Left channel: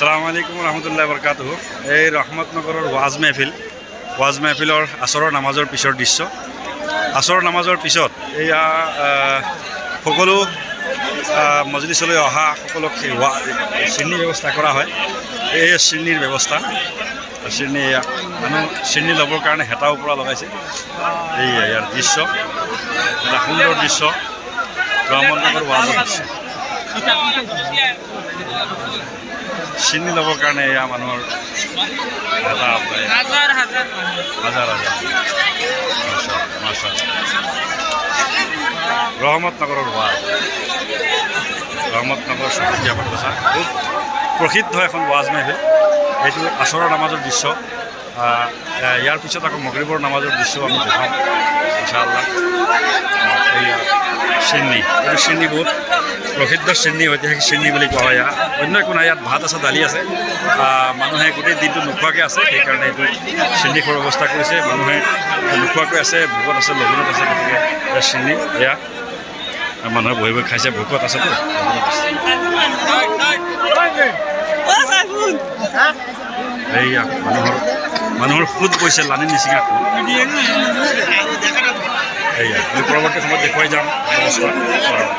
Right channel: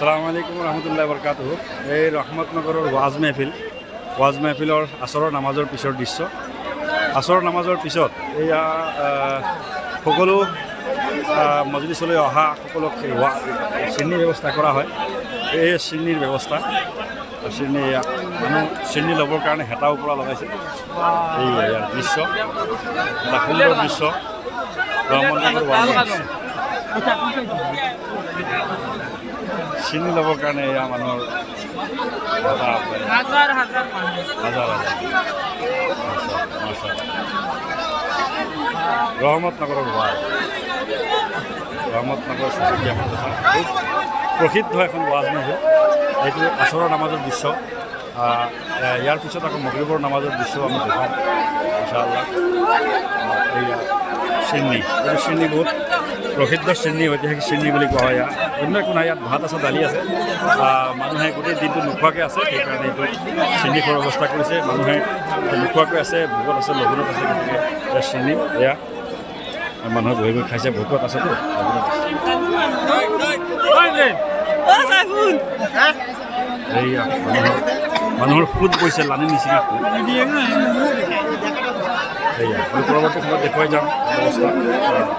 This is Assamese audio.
আসসালামু আলাইকুম ৰহমতুল্লাহ বৰকাতুহ। এই ৰহমতনগৰৰ ৱাজ মেহফিলৰ আসৰৰ নামাজৰ পিছৰ দৃশ্য। আসৰৰ নামাজৰ পিছত এয়া সকলো মজলিছলৈ অহা সকলক শ্ৰেণীৰ ব্যৱস্থা কৰা হয়। এই শ্ৰেণীৰ ব্যৱস্থা শ্ৰেণী মানুহ শ্ৰেণী ল'বৰ কাৰণে হেতাও পৰা লগাইছে। এই ইয়াৰ দৃশ্য এটা সুন্দৰ দৃশ্য, ৰহমতনগৰ ৱাজৰ দৃশ্য। শ্ৰেণী ল'বৰ কাৰণে এয়া মানুহৰ এটা হাজাৰ ৰহমতনগৰৰ ৱাজ, ৰহমতনগৰ চহৰীয়া মাদ্ৰাছা খুব প্ৰসিদ্ধ এখন ৱাজ মেহফিল। এইটো আসৰৰ নামাজৰ দৃশ্য। ইয়াৰ পিছত আকৌ মগৰিবৰ নামাজৰ দৃশ্যও আমি দেখাম ইনশাআল্লাহ। এইয়া শ্ৰেণী, এইটো শ্ৰেণী বহুত প্ৰসিদ্ধ শ্ৰেণী, ঐতিহাসিক শ্ৰেণী বুলি কোৱা হয়। অন্য একো নাই, ইয়াত ভাত আছে, দালি আছে। মানুহে গোটেই দিনটো নোখোৱাকৈ আছে, সেইকাৰণে এইটো শ্ৰেণী খোৱাৰ ব্যৱস্থা কৰিছে। মানুহে নোখোৱাকৈ আছে, ভোকত আছে, লঘোণত আছে, গতিকে এয়া শ্ৰেণী। এয়া মানুহে বহি বহি খাইছে, ভোকত আছেতো, লঘোণত আছে। এইয়া মানুহৰ সুদ পৰিছে, লানি নিচিঙা সুদ। এয়া আমি পৰৱৰ্তী সময়ত দেখুৱাই যাম ব্যৱস্থা।